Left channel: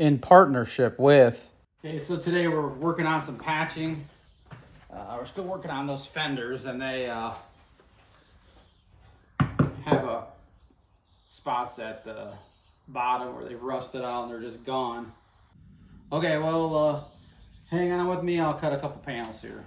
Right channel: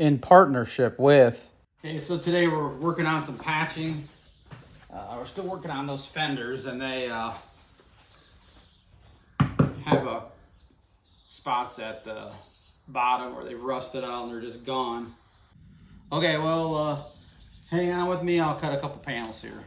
in partnership with. Okay, so today we're working on some patching. We're still working on those fenders, and they have spots at the bottom where they've rusted out and they're just gone. Okay, well, hang on with me. I'll cut a couple panels here.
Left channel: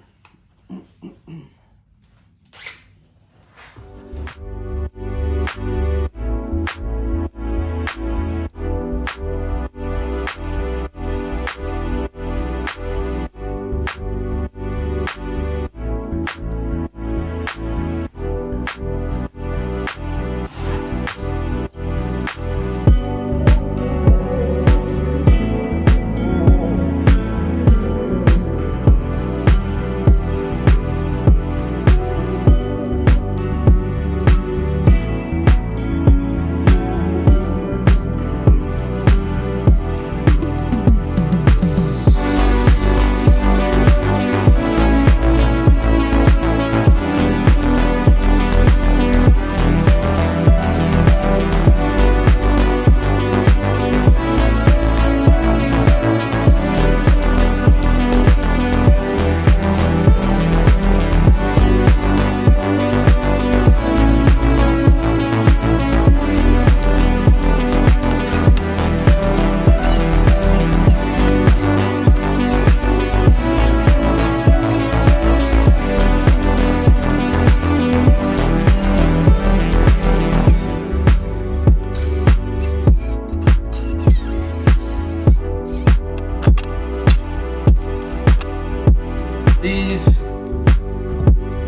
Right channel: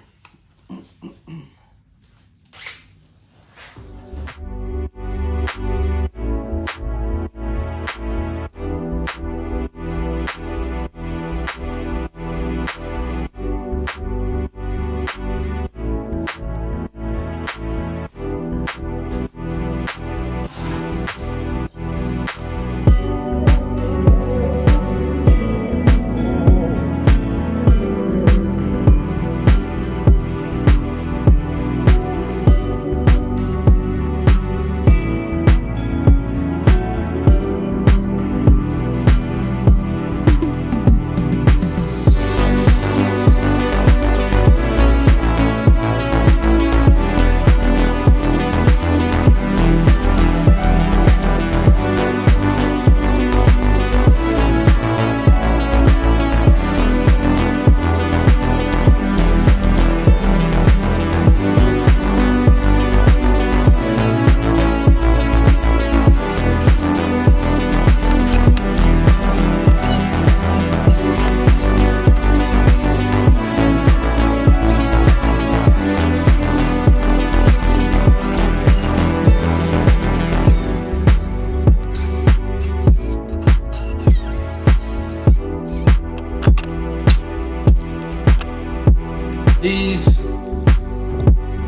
These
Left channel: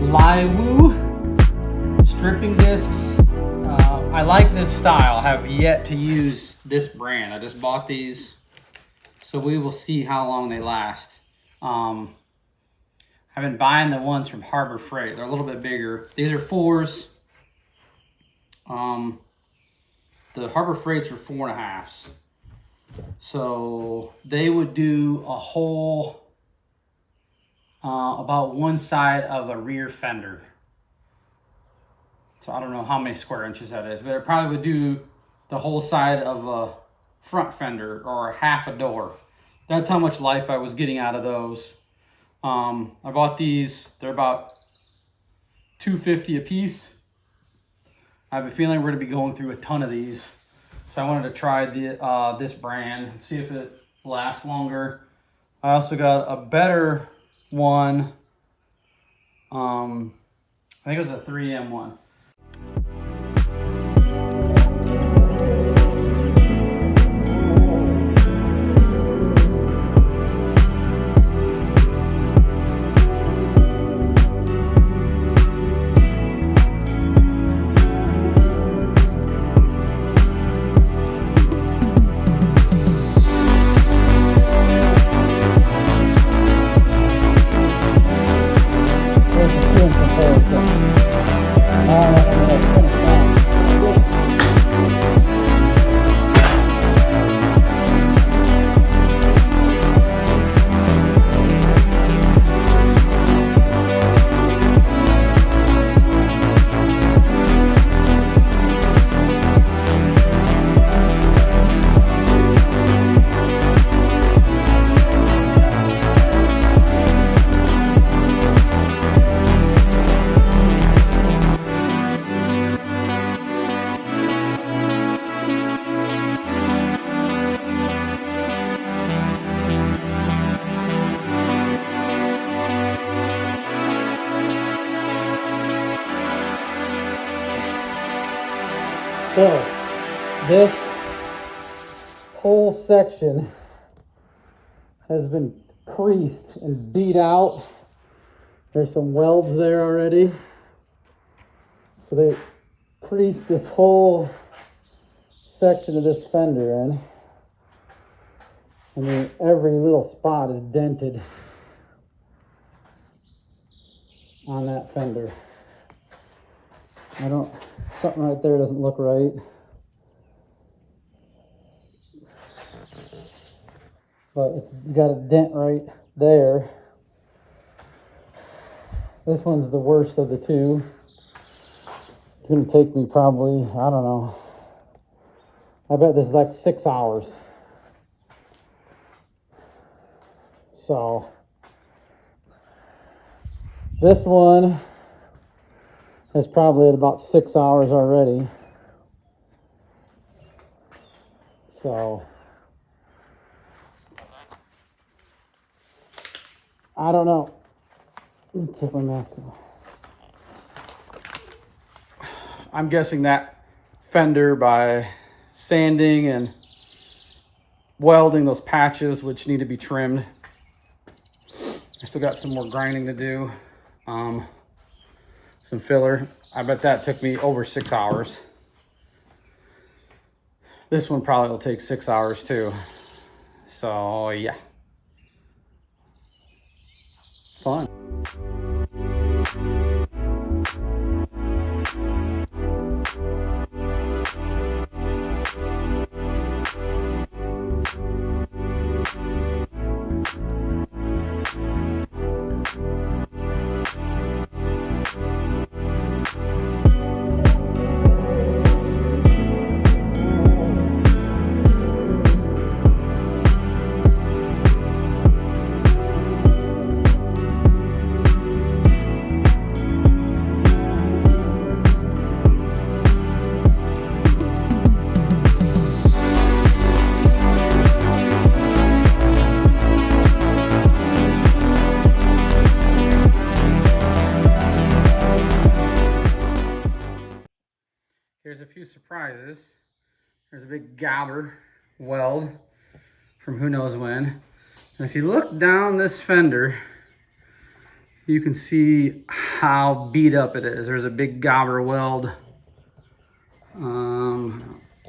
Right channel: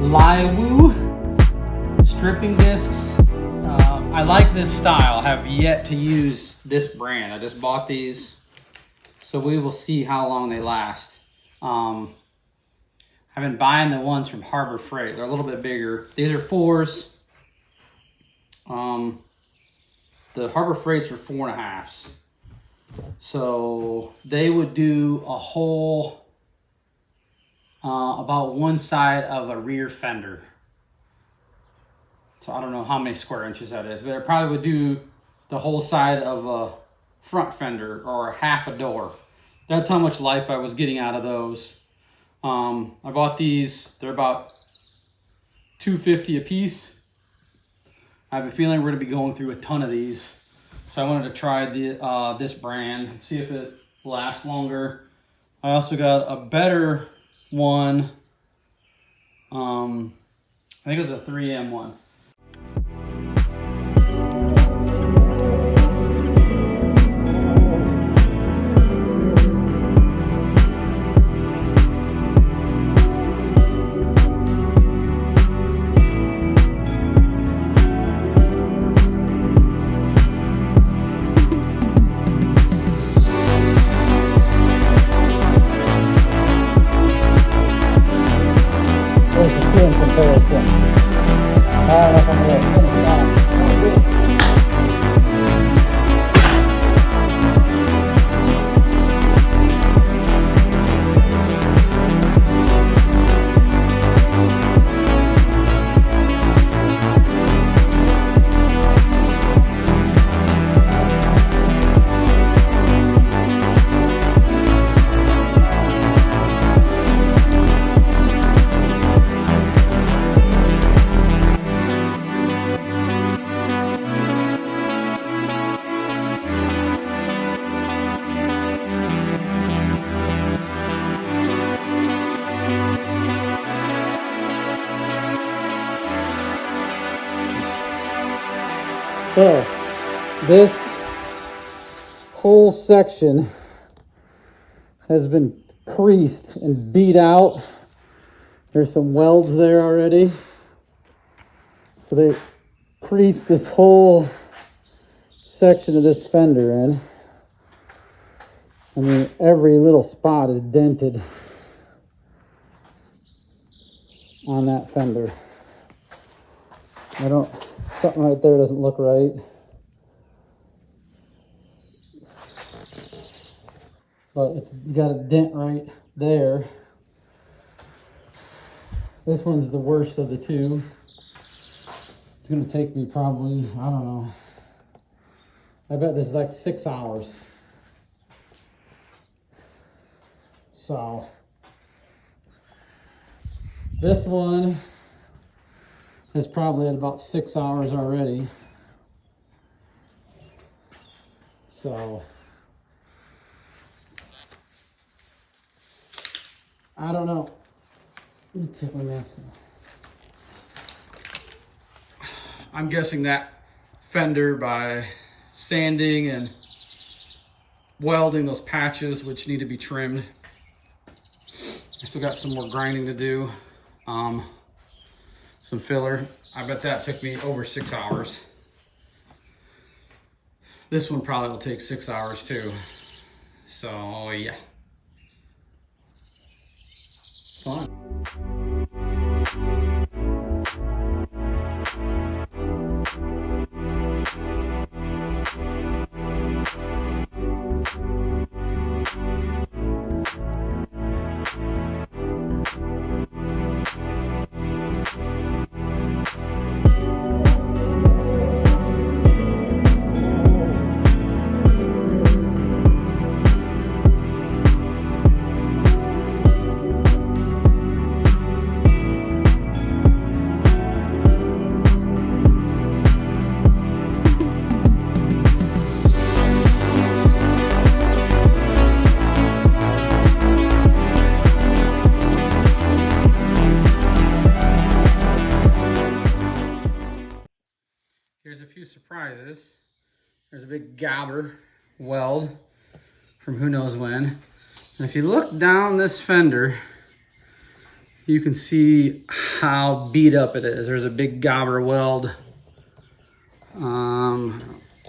Liwu stripping discs, I like this style. I have yet to use this brand. I just bought these, so we will see how long they last. I've been buying the ones from Harbor Freight. They're a little bit bigger. These are 4s. The Harbor Freights are 4.5s. So they would do a whole about one side of a rear fender. So I don't know how many square inches that is, but it probably would do the whole side of a front fender or half a door. That's how much life I was getting out of those. I bought these. They're about $2.50 a piece. I have a feeling we're going to be going through a ton of these. So I wanted to try this brand and see if it lasts longer. I also got a better one. I think it was a 3M one. There's the two in comparison. I don't know if I'm going to finish that. So this whole section has been creased and beat out. There's some welds there already. So they creased this whole section of this fender in. I mean, every little spot is dented on that fender. Something right there doesn't look right. But it's got a dent right there. This one's the worst of the two. It's gonna take me probably, I don't know. I bet this is like 6 hours So this one is probably at about 6 hours already. So I don't know. Let me take my mask off. I'm guessing that fender, by sanding and welding those patches, which need to be trimmed. I still got some more grinding to do. Some filler. I bet that took me over 6 hours. This one probably will take 6 hours too. So yeah. Fun. Here's a few surprises. There's a big gobber weld from who knows when. And if you look down this fender, you can see how beat up it is. There's a big gobber weld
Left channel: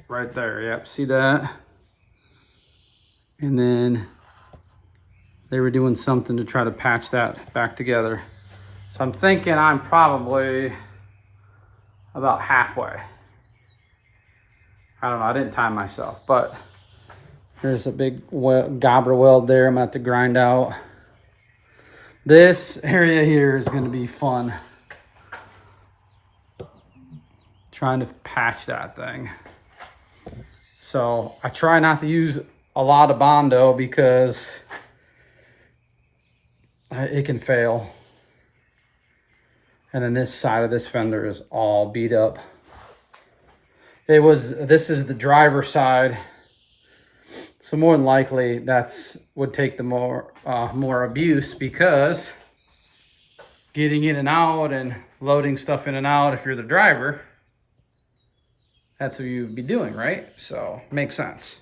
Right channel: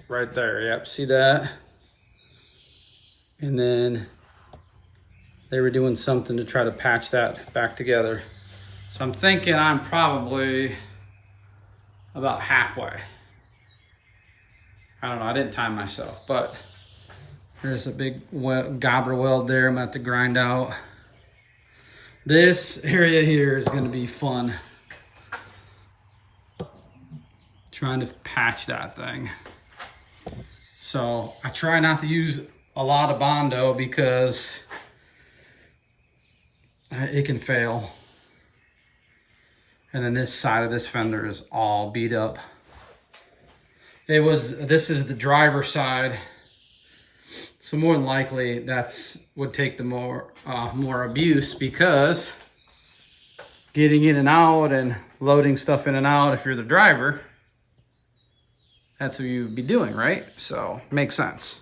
right there. Yep, see that? And then they were doing something to try to patch that back together. So I'm thinking I'm probably about halfway. I don't know, I didn't time myself, but there's a big gobber weld there I'm gonna have to grind out. This area here is gonna be fun. Trying to patch that thing. So I try not to use a lot of Bondo because it can fail. And then this side of this fender is all beat up. This is the driver's side. So more than likely would take the more abuse, because getting in and out and loading stuff in and out, if you're the driver, that's what you'd be doing, right? So makes sense.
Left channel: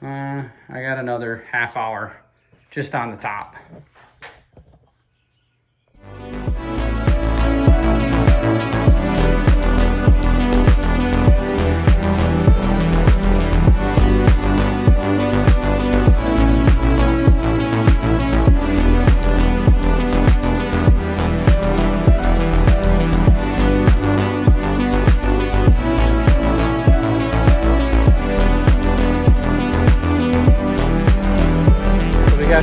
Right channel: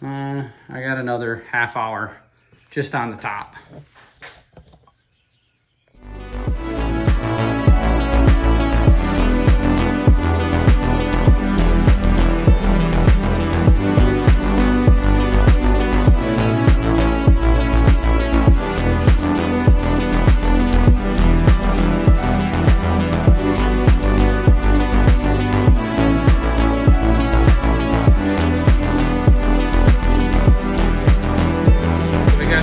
I got another half hour just on the top.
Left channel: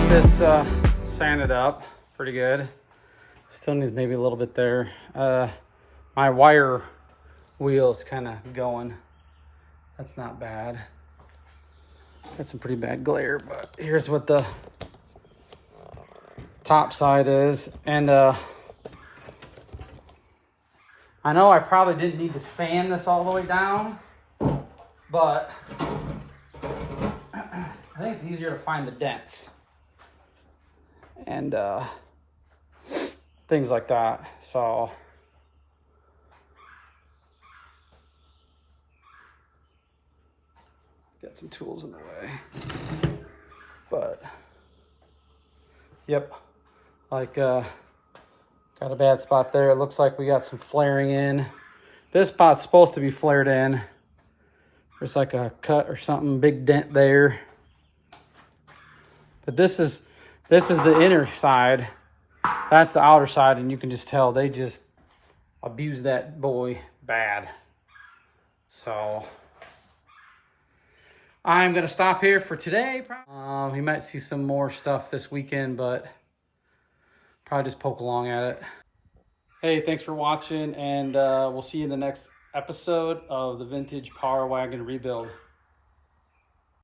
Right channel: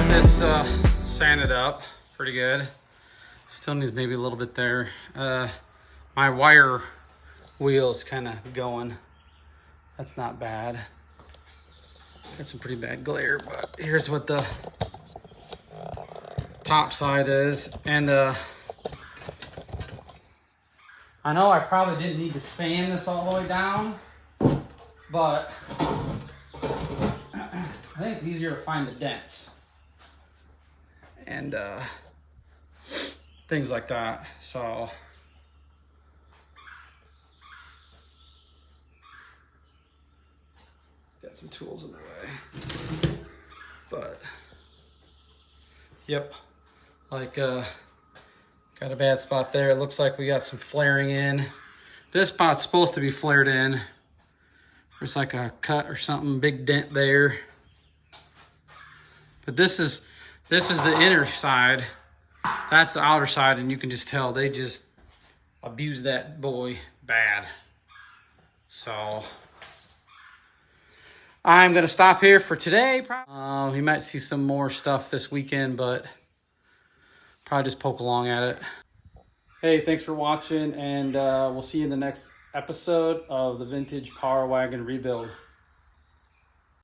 This sanded up pretty good. Still needs maybe a little bit there. My wire wheel is kind of going. That's not bad. Got some pretty bad glare, but here's what the top side is. And I know I probably didn't need to sand this all the way down, but I think it's easier to find the dents and things like that. So got some tools in the way, but yep, like got a bad spot there. It looks like we got some flaring in. This spot's supposed to be flared in. There's like a cut or something, big dent there. But this is the inner side. That's the outer side, and you can just tell they just abused that boy bad. So I'm gonna stop here for today. We might see some more stuff this weekend, but probably just poke along at it. Hey, thanks for watching, and we'll see you in the next episode of the Vintage Power Wagon Rebuild.